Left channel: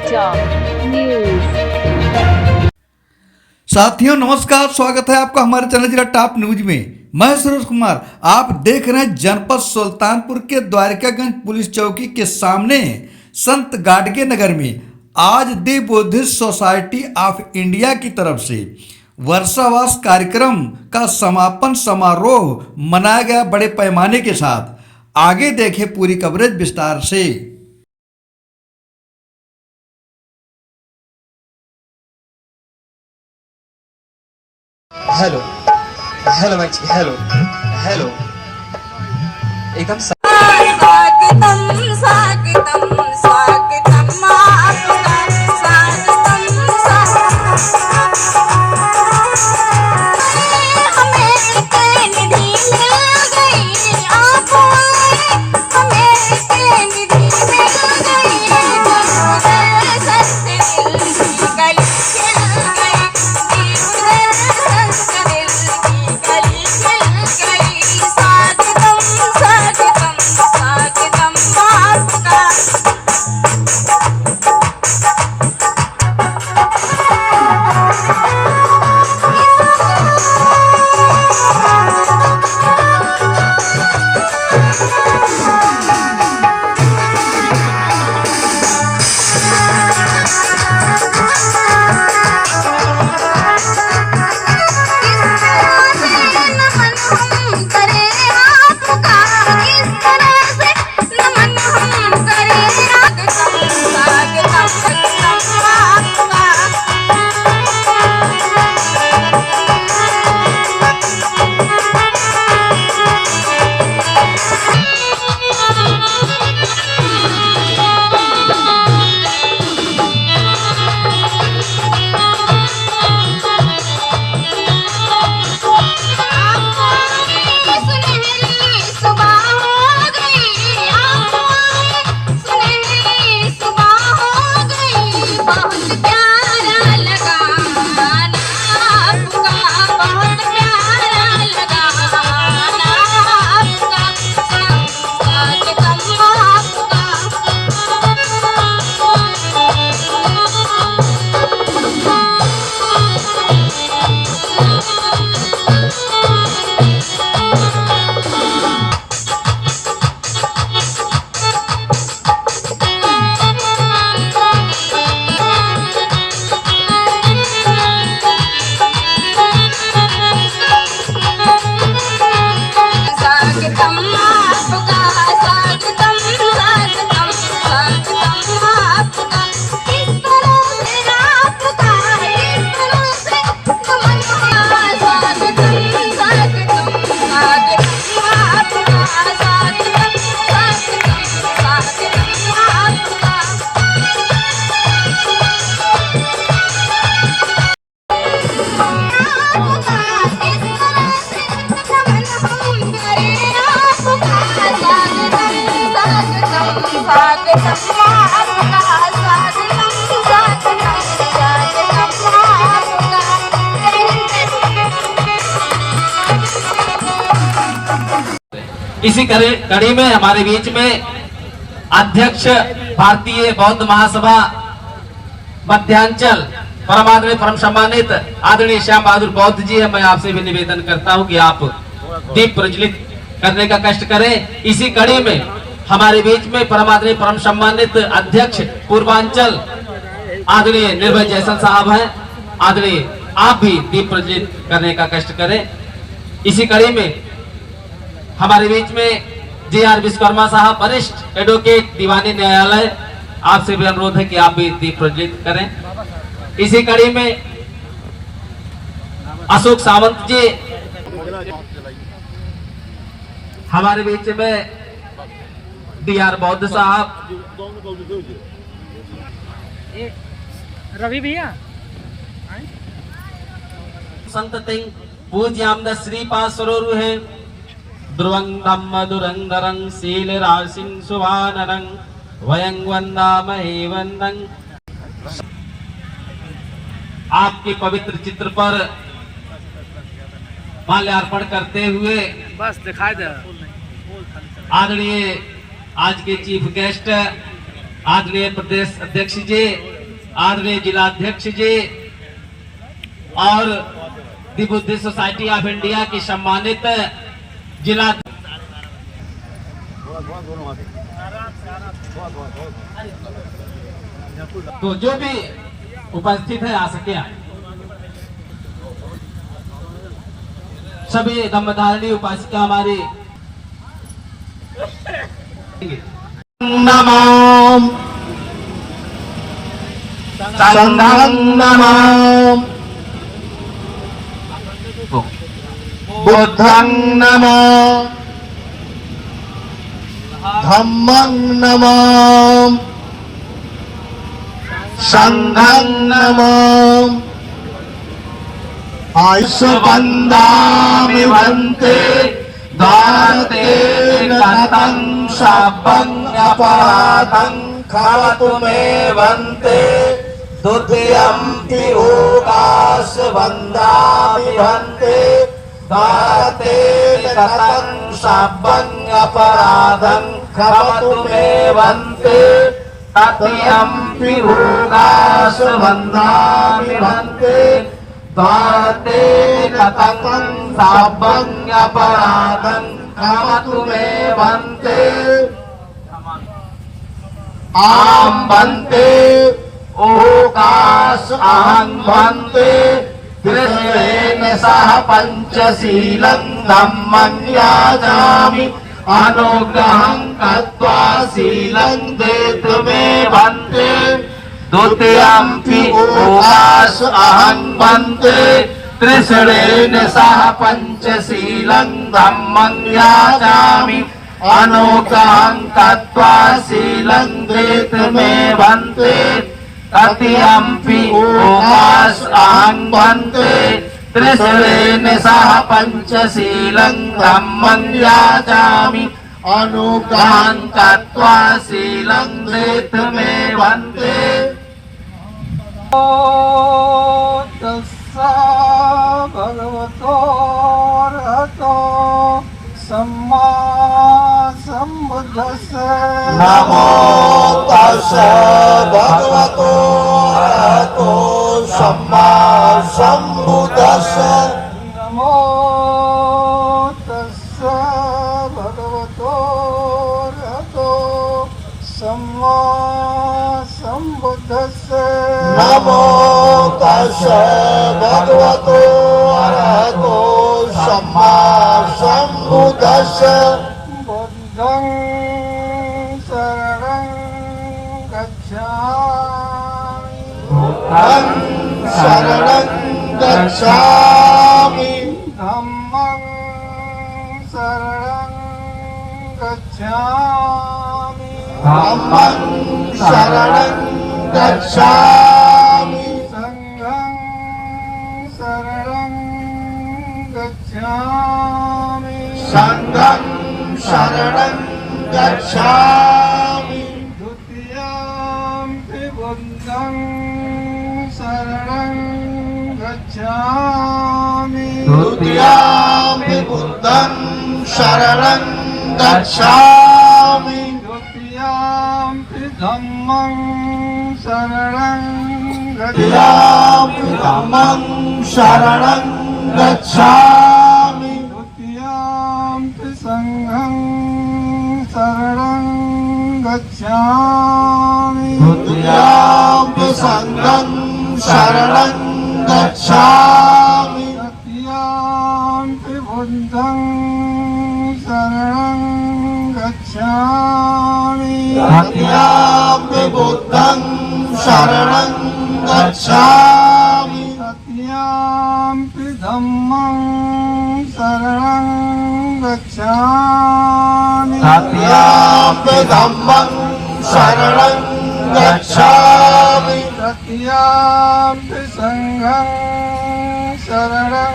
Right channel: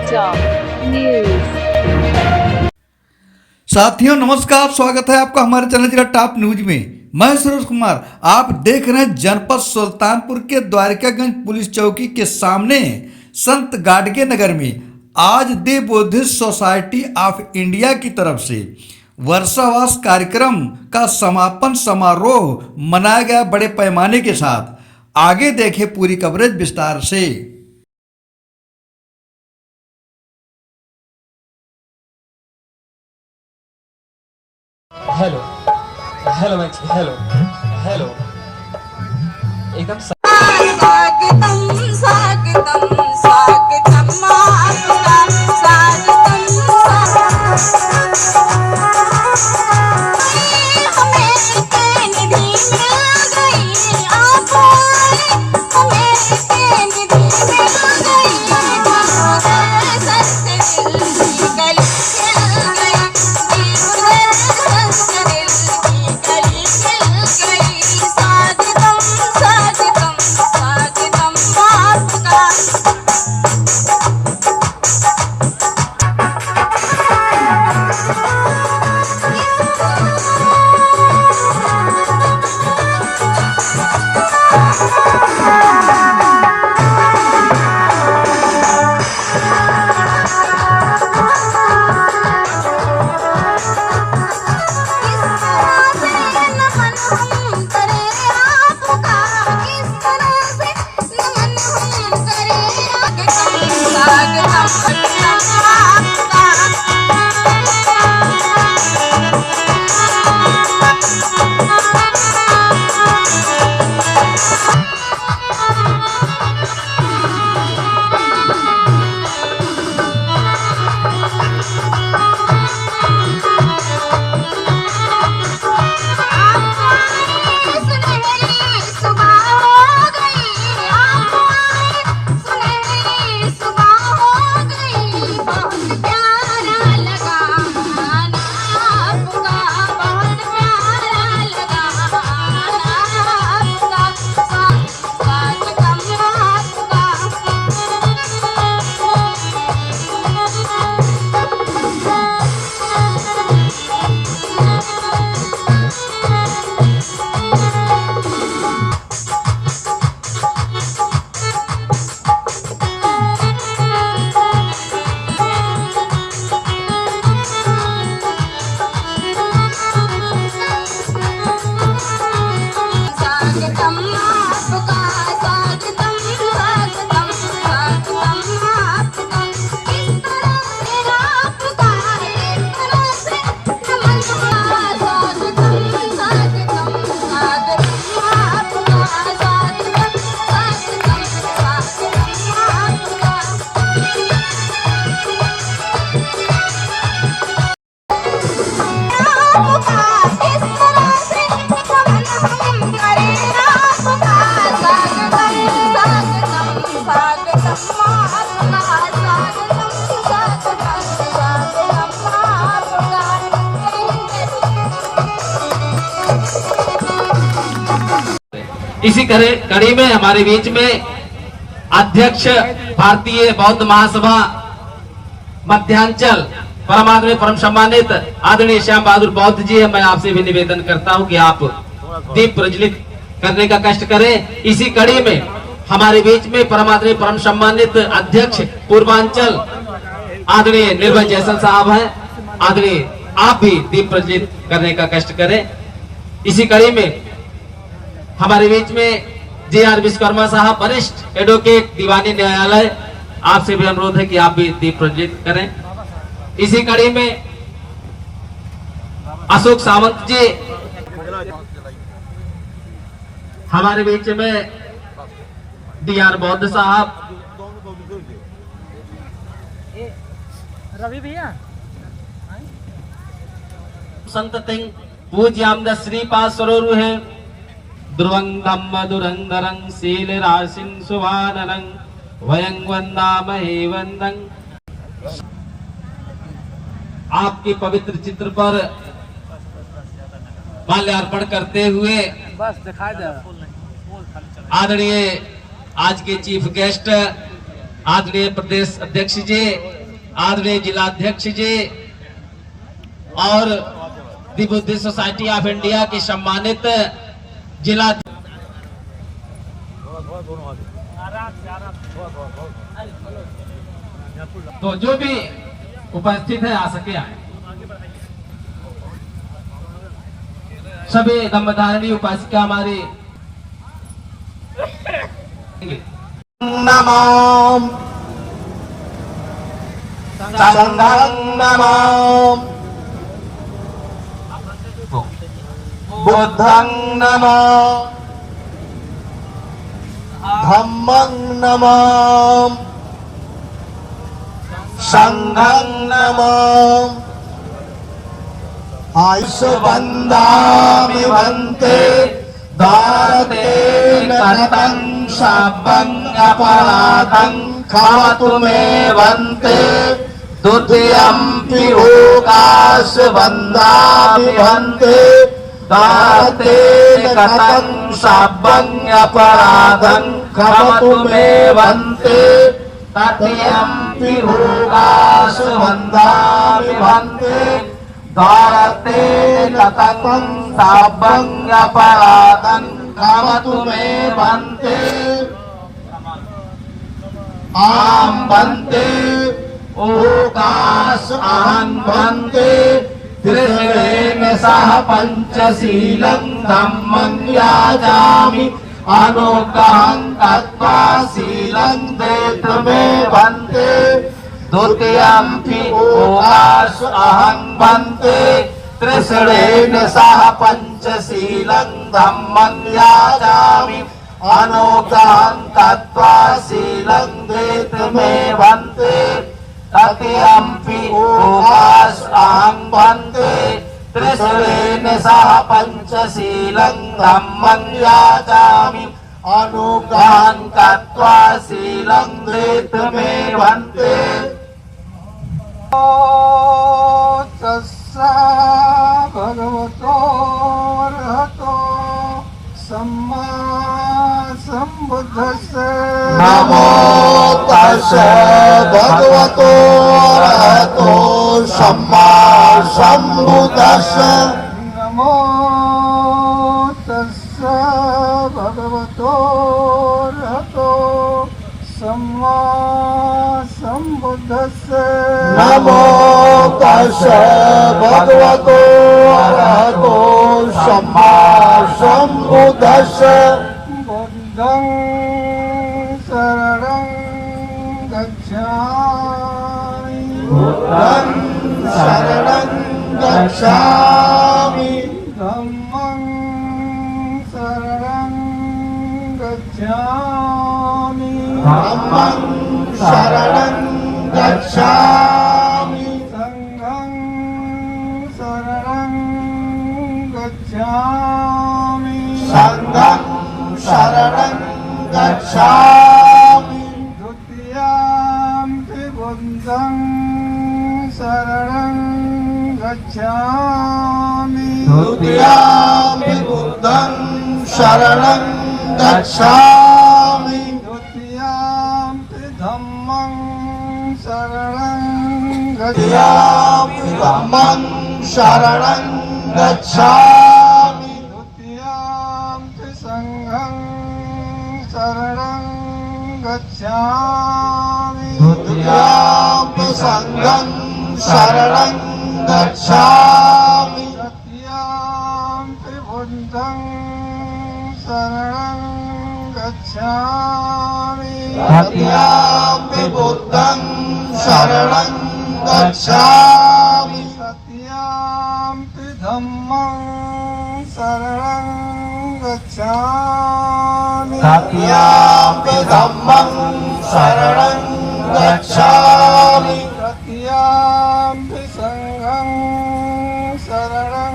समाचार न्यूज। साथियों नमस्कार, स्वागत है आपका हमारे चैनल जिला टॉप न्यूज में। मैं सुरेश कुमार, आप देख रहे हैं जनपद सुल्तानपुर के द्वारिकागंज पुलिस चौकी के सामने संत गाडगे नगर में आज दी बुद्धिस्ट सोसाइटी ऑफ इंडिया की तरफ से वर्षावास कार्यक्रम का समापन समारोह मनाया गया बड़े पैमाने के साथ। आगे देखें पूरी कवरेज विस्तार से। Hello hello match hello hello एकदम स्वागतम स्वागतम स्वागतम आपका स्वागतम हमें कैनेडी मिल गई आपको हमें कैनेडी मिल गई सस्ते दिल की गली खिल गई सस्ते दिल की गली खिल गई स्वागतम स्वागतम स्वागतम आपका इसी कड़ी में हमारे बीच में अध्यक्ष भारतीय बौद्ध महासभा मध्यांचल परमात्मा परम सम्मानित आदरणीय श्याम बहादुर बौद्ध जी है। मैं आपसे भी निवेदन करता हूं कि आप दीप प्रज्वलित करने का कष्ट करें। इसी कड़ी में हमारे बीच में परमात्मा परम सम्मानित अध्यक्ष पूर्वांचल आदरणीय निर्भय जयसल साहब हैं। आदरणीय आप भी दीप प्रज्वलित करने का कष्ट करें। इसी कड़ी में हमारे बीच में जे.आर. विश्वकर्मा साहब वरिष्ठ एडवोकेट दीवानी न्यायालय, आपसे भी अनुरोध है कि आप भी दीप प्रज्वलित करें। इसी कड़ी में अशोक सावंत जी हमारे बीच में डी.आर. बौद्ध साहब, रवि भैया संत तिंग पूज्याम श्रीपाद सरोरु है ध्रुवंगम मधुरंगरं शील राशिं सुवाननं वयं वंदामहे वंदं। आपके पवित्र चित्र पर माल्यार्पण करते हुए बस दिखाई दे आदरणीय आज के चीफ गेस्ट आदरणीय प्रदेश अध्यक्ष जी, आदरणीय जिला अध्यक्ष जी और दी बुद्धिस्ट सोसाइटी ऑफ इंडिया के सम्मानित जिला तो जो भी उपस्थित है आ सके आए। सभी धम्मधारिणी उपासिका हमारी नमो संघं नमो बुद्धं नमो धम्मं नमो संघं नमो आयुष्यबन्धामि वन्ते दाते कतं शापं अपराधं खातु मे वन्ते द्वितीयंपि लोकास्बन्धामि वन्ते दाते कतं शापं अपराधं खातु मे वन्ते तृतीयंपि लोकास्बन्धामि वन्ते भारते कतं शापं अपराधं खातु मे वन्ते आम वन्ते ओकाश अहं वन्ते त्रिशूलेन सह पंचशीलं धम्मं याजामि अनुग्रहं कृत्वा शीलं देतु मे वन्ते द्वितीयंपि ओकाश अहं वन्ते त्रिशूलेन सह पंचशीलं धम्मं याजामि अनुग्रहं कृत्वा शीलं देतु मे वन्ते तृतीयंपि ओकाश अहं वन्ते त्रिशूलेन सह पंचशीलं धम्मं याजामि अनुग्रहं कृत्वा शीलं देतु मे वन्ते तस्सा भगवतो अरहतो सम्मा सम्बुद्धस्स नमो तस्सा भगवतो अरहतो सम्मा सम्बुद्धस्स नमो तस्सा भगवतो अरहतो सम्मा सम्बुद्धस्स नमो तस्सा भगवतो अरहतो सम्मा सम्बुद्धस्स बुद्धं शरणं गच्छामि बुद्धं शरणं गच्छामि धम्मं शरणं गच्छामि धम्मं शरणं गच्छामि संघं शरणं गच्छामि संघं शरणं गच्छामि द्वितीयंपि बुद्धं शरणं गच्छामि द्वितीयंपि बुद्धं शरणं गच्छामि द्वितीयंपि धम्मं शरणं द्वितीयंपि गच्छामि धम्मं शरणं गच्छामि द्वितीयंपि संघं शरणं गच्छामि द्वितीयंपि संघं शरणं गच्छामि तृतीयंपि बुद्धं शरणं गच्छामि तृतीयंपि बुद्धं शरणं गच्छामि तृतीयंपि धम्मं शरणं गच्छामि तृतीयंपि धम्मं शरणं गच्छामि तृतीयंपि संघं शरणं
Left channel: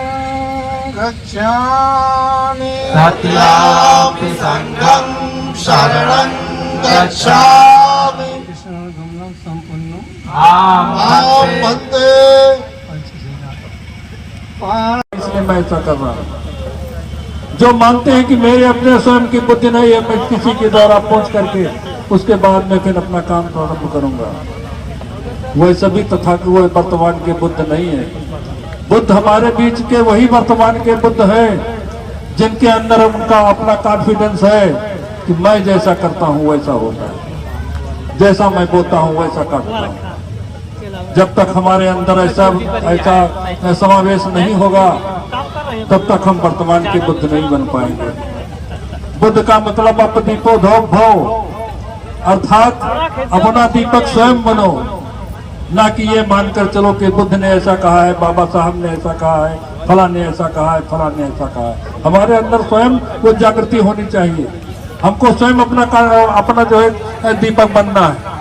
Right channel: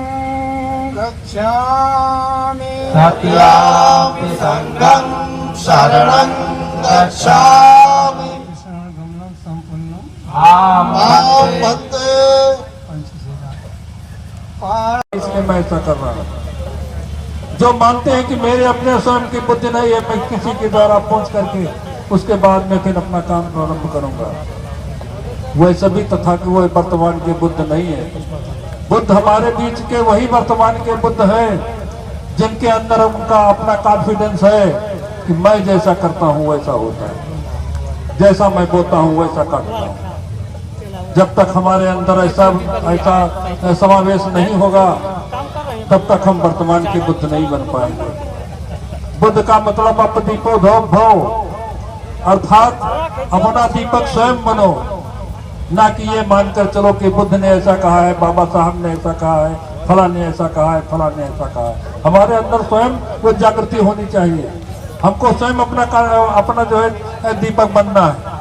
गच्छामि तृतीयंपि संघं शरणं गच्छामि गमनं सम्पन्नं आम वन्दे इसलिए मैं ऐसा कर रहा हूँ जो मानते हैं कि मेरे अपने स्वयं की बुद्धि नहीं है, मैं किसी के द्वारा पहुंच करके उसके बाद में फिर अपना काम प्रारंभ करूंगा, वह सभी तथा वो वर्तमान के बुद्ध नहीं है। बुद्ध हमारे बीच के वही वर्तमान के बुद्ध है जिनके अंदर उनका अपना कॉन्फिडेंस है कि मैं जैसा करता हूं वैसा होता है, जैसा मैं बोलता हूं वैसा करता हूं। जब तक हमारे अंदर ऐसा समावेश नहीं होगा तब तक हम वर्तमान के बुद्ध नहीं बन पाएंगे। बुद्ध का मतलब अप दीपो धो भव, अर्थात अपना दीपक स्वयं बनो, ना कि ये मानकर चलो कि बुद्ध ने ऐसा कहा है, बाबा साहब ने ऐसा कहा है, फला ने ऐसा कहा है, फला ने ऐसा कहा है। हमारे अंदर स्वयं वो जागृति होनी चाहिए। हमको स्वयं अपना जो है दीपक बनना है।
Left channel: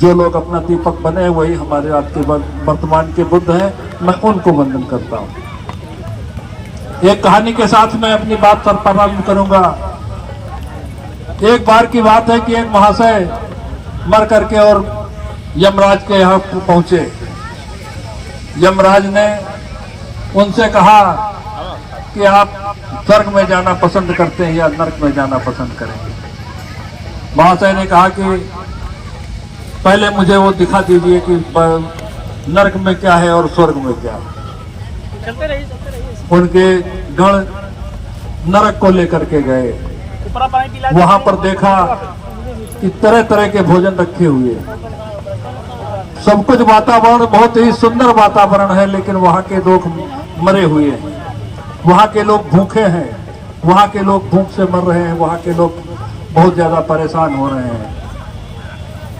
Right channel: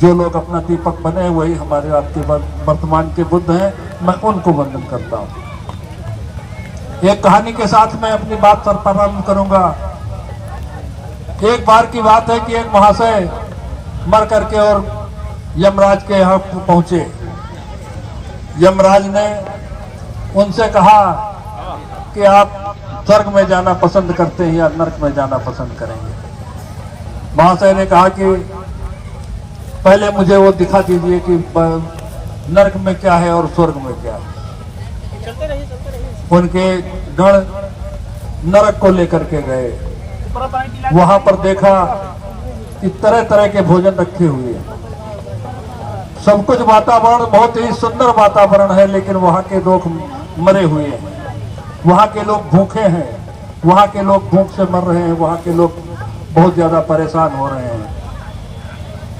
जो लोग अपना दीपक बने वही हमारे आज के वर्तमान के बुद्ध हैं। मैं उनको वंदन करता हूँ। एक कहानी के साथ मैं अपनी बात पर प्रारंभ करूंगा। एक बार की बात है कि एक महाशय मर करके और यमराज के यहाँ पहुंचे। यमराज ने उनसे कहा कि आप स्वर्ग में जाना पसंद करते हैं या नरक में जाना पसंद करेंगे। महाशय ने कहा कि पहले मुझे वो दिखा दीजिए कि नरक में क्या है और स्वर्ग में क्या है। उनके गण नरक को लेकर के गए। वहां पर देखा कि तरह तरह के भोजन रखे हुए, सब कुछ वातावरण बहुत ही सुंदर वातावरण है, लेकिन वहां के लोग मरे हुए हैं, वहां के लोग भूखे हैं, वहां के लोग भूख से मर रहे हैं, वहां के लोग बहुत ज्यादा परेशान हो रहे हैं।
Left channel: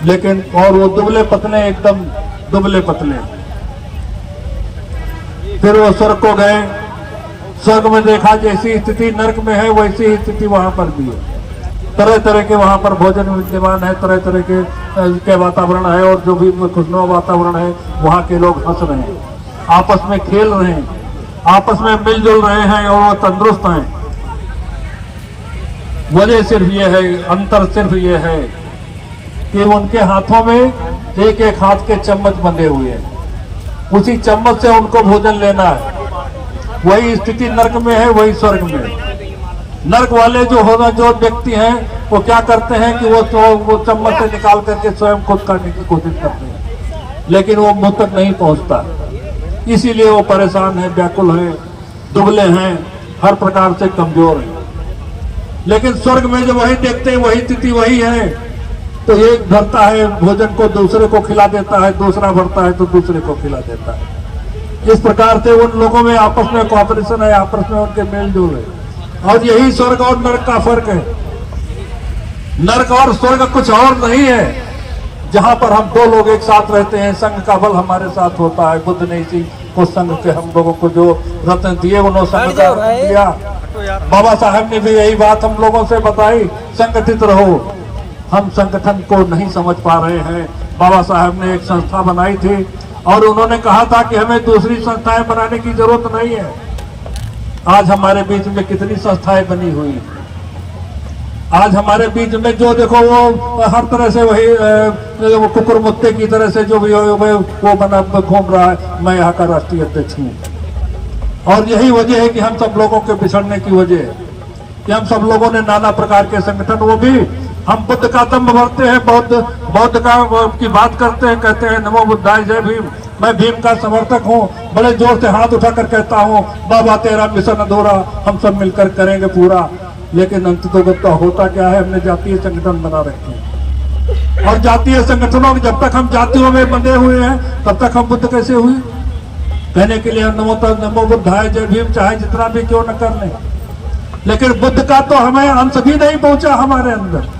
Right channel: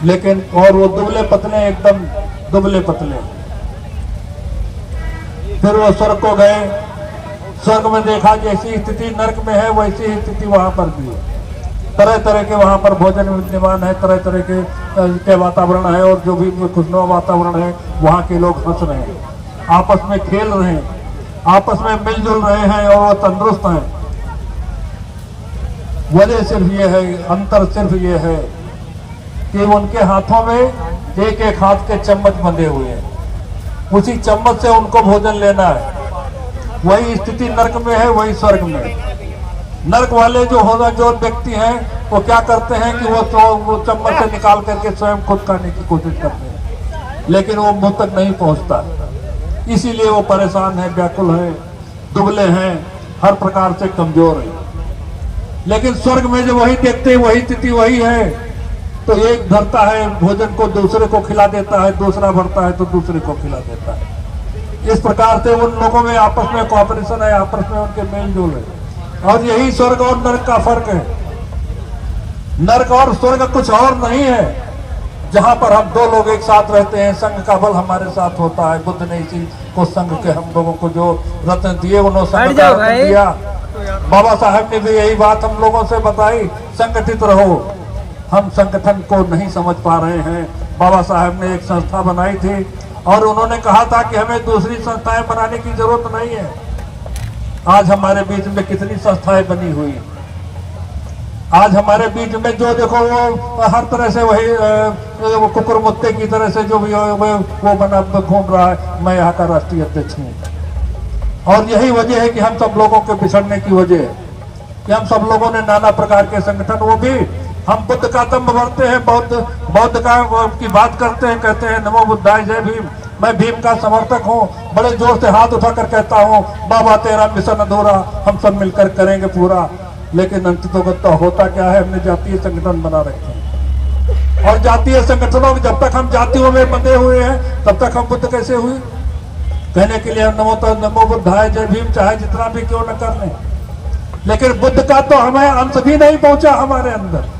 लेकिन और वो दुबले पतले, एकदम दुबले पतले। फिर वो स्वर्ग को गए। स्वर्ग में देखा जैसी स्थिति नरक में है वैसी ही स्थिति वहां पर भी है। तरह तरह के वहां पर भोजन विद्यमान है, तरह तरह के वातावरण है, और जो भी खुशनुमा वातावरण है वहां के लोग हंस रहे हैं, आपस में खेल रहे हैं, आपस में मिलजुल रहे हैं और वो तंदुरुस्त हैं। वजह सिर्फ ये है, अंतर सिर्फ ये है कि उनके हाथों में एक एक हाथ के चम्मच बंधे हुए हैं। उसी चम्मच से उनको भोजन लेना है। वही स्थिति नरक में है, वही स्वर्ग में। नरक वाले जो व्यक्ति हैं वो क्या करते हैं कि वो चम्मच से निकाल करके स्वयं खुद खाने की कोशिश करते हैं, लेकिन वो मुंह तक नहीं पहुंचता। इसीलिए वो परेशान है, व्याकुल है, दुबले हैं, हर प्रकार से कमजोर हैं। लेकिन स्वर्ग में जो वही देखते हैं वही स्थिति वही है, तो एक भरता है भोजन को दूसरे को खिला देता है, दूसरा भरता है तो दूसरे को खिला देता है। इस प्रकार से उन लोगों में आपस में कोऑपरेशन है, आपस में उनके मेल जोल है। और यही स्वर्ग और नरक का फर्क है। नरक और स्वर्ग कुछ और नहीं है, जहां पर हम दो लोग एक साथ रहते हैं, संघ का बल हमारे साथ होता है। बुद्ध ने इसी को संघ से हम लोगों को जो रत्न दिए उन्होंने संघ का रत्न दिया। बाबा साहब ने भी यही बात हम लोगों से बताई, संगठित रहो। हम संगठन को नहीं समझ पा रहे हैं। बाबा साहब ने एक संस्था बनाई थी और उन्होंने कहा था कि हमें दूसरी संस्थाएं बनाने की जरूरत नहीं है। आज हमारे बीच में कितनी संस्थाएं बनी हुई। आज हमारे बीच में जो देखो वो हर तरह से वही वो कुकुर मुत्ते की तरह से जो भी वो बना घूम रहा है। मैं यहाँ का राष्ट्रीय अध्यक्ष हूँ और यही वजह है कि हम सब लोगों के बिछड़ने की वजह है कि हम सब लोगों ने नाना प्रकार के संगठन, वो भी हम बुद्ध का दम्भ भरते हैं, बौद्ध का की बात करते हैं, कहते हैं नमो बुद्धाय जय भीम। मैं भीम का समर्थक हूँ, बड़े जोर से हाथ उठाकर कहता हूँ बाबा तेरा मिशन अधूरा, हम सब मिलकर करेंगे पूरा। लेकिन अंततोगत होता क्या है, हमने जातीय संगठन बना रखे हैं और जातीय संगठनों जब तक हम जातियों में बंधे हुए हैं तब तक हम बुद्ध कैसे हुए। कहने के लिए नमो बुद्धाय जय भीम चाहे जितना भी क्यों न कर लें, लेकिन बुद्ध का तो हमें अंश भी नहीं पहुंचा हमारे अंदर।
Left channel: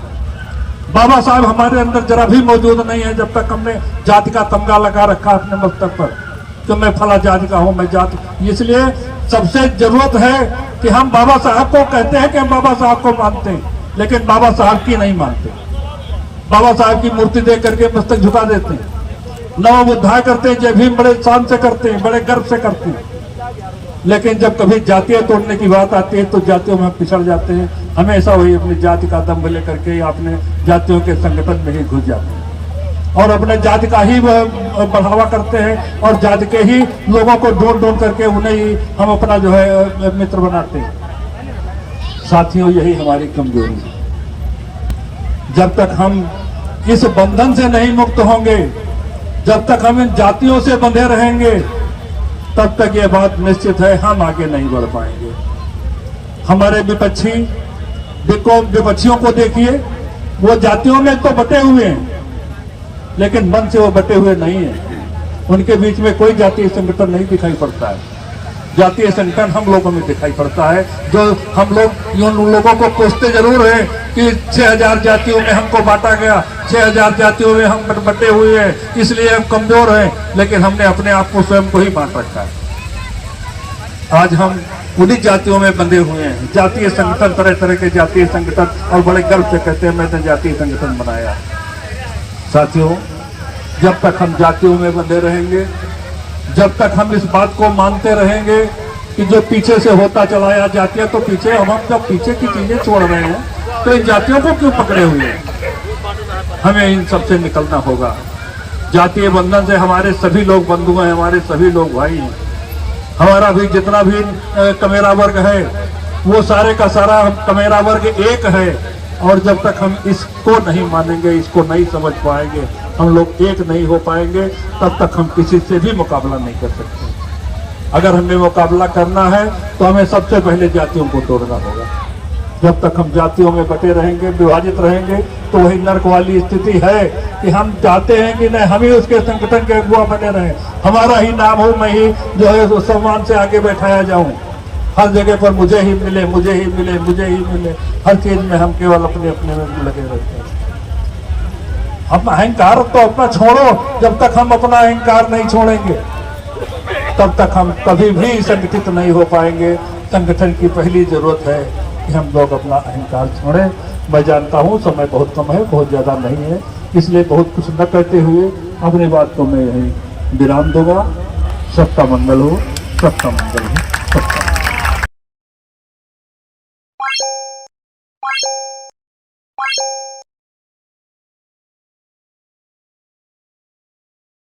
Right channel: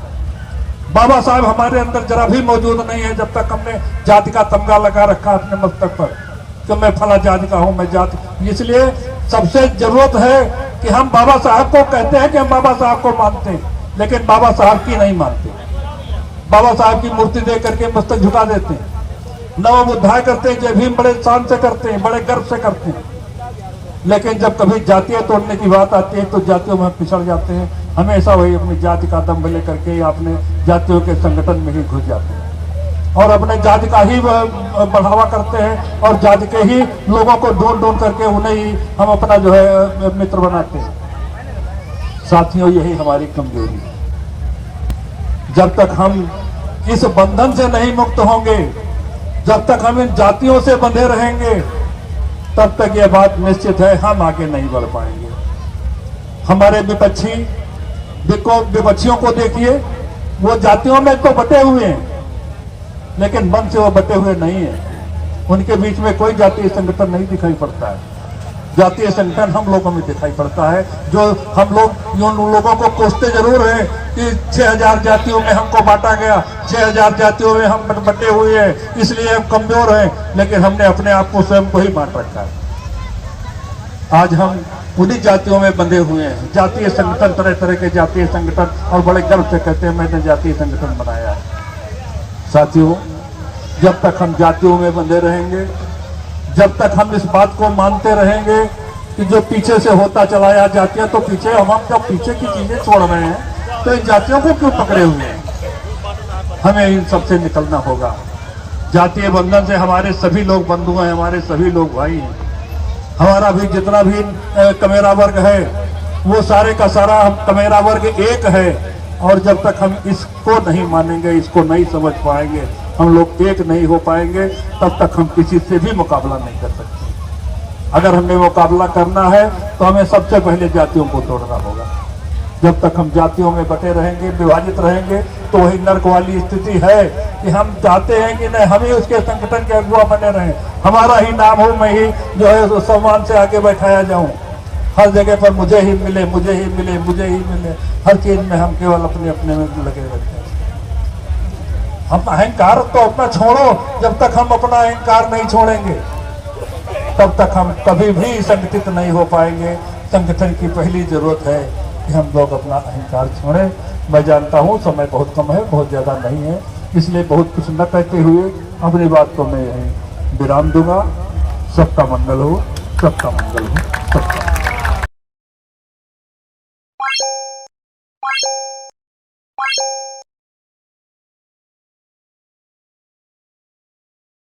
बाबा साहब हमारे अंदर जरा भी मौजूद नहीं है जब तक हमने जाति का तमगा लगा रखा अपने मस्तक पर कि मैं फला जाति का हूं, मैं जाति। इसलिए सबसे जरूरत है कि हम बाबा साहब को कहते हैं कि हम बाबा साहब को मानते हैं, लेकिन बाबा साहब की नहीं मानते। बाबा साहब की मूर्ति देख करके मस्तक झुका देते हैं, नमो बुद्धाय करते हैं, जय भीम बड़े शान से करते हैं, बड़े गर्व से करते हैं। लेकिन जब कभी जातियां तोड़ने की बात आती है तो जातियों में पिछड़ जाते हैं। हमेशा वही अपनी जाति का दम्भ लेकर के अपने जातियों के संगठन में ही घुस जाते हैं और अपने जाति का ही बढ़ावा करते हैं और जाति के ही लोगों को ढूंढ ढूंढ करके उन्हें ही हम अपना जो है मित्र बनाते हैं। साथियों, यही हमारी कमजोरी है। जब तक हम इस बंधन से नहीं मुक्त होंगे, जब तक हम इन जातियों से बंधे रहेंगे, तब तक यह बात निश्चित है हम आगे नहीं बढ़ पाएंगे। हमारे विपक्षियों को देखिए, वो जातियों में तो बटे हुए हैं, लेकिन मन से वो बटे हुए नहीं हैं। उनके बीच में कोई जातीय संगठन नहीं दिखाई पड़ता है। जातीय संगठन हम लोगों में दिखाई पड़ता है, जो हम लोग उन लोगों को कोसते जरूर हैं कि 6000 जातियों में हमको बांटा गया, 6000 जातियों में हम बटे हुए हैं, इसलिए हम कमजोर हैं, लेकिन हमने अपने आप को स्वयं को ही बांट रखा है। आज हम उन्हीं जातियों में बंधे हुए हैं। जातीय संगठन, तरह तरह के जातीय संगठन, और बड़े गर्व से कहते हैं मैंने जातीय संगठन बनाया। साथियों, जब तक हम जातियों में बंधे रहेंगे, जब तक हम इस बात को मानते रहेंगे कि जो पीछे से होता चलाया जातियां तो पीछे, हम जो पीछे की चीजें छोड़ रहे हैं, तो इन जातियों को क्यों पकड़े हुए हैं? हमें इन सबसे निकलना होगा। जातीय बंधन से हमारे सभी लोग बंधु हैं, हमारे सभी लोग भाई हैं। हमारा भी जितना भी कमेरा वर्ग है, वो सारे का सारा कमेरा वर्ग एक है। और जब तक हम इसको नहीं मानेंगे, इसको नहीं समझ पाएंगे, हम लोग एक नहीं हो पाएंगे, तब तक हम किसी से भी मुकाबला नहीं कर सकते। अगर हमें मुकाबला करना है तो हमें सबसे पहले जातियों को तोड़ना होगा। जब तक हम जातियों में बटे रहेंगे, विभाजित रहेंगे, तो वही नर्क वाली स्थिति है कि हम चाहते हैं कि नहीं, हम ही उसके संगठन के अगुआ बने रहें, हमारा ही नाम हो, मैं ही जो है उस सम्मान से आगे बैठाया जाऊं, हर जगह पर मुझे ही मिले, मुझे ही मिले, मुझे ही मिले, हर चीज में हम केवल अपने अपने में लगे रहते हैं। अपना अहंकार तो अपना छोड़ो, जब तक हम अपना अहंकार नहीं छोड़ेंगे, तब तक हम कभी भी संगठित नहीं हो पाएंगे। संगठन की पहली जरूरत है कि हम लोग अपना अहंकार छोड़ें। मैं जानता हूँ समय बहुत कम है, बहुत ज्यादा नहीं है, इसलिए बहुत कुछ न कहते हुए अपनी बात को मैं यहीं विराम दूंगा। सबका मंगल हो, सबका मंगल हो, सबका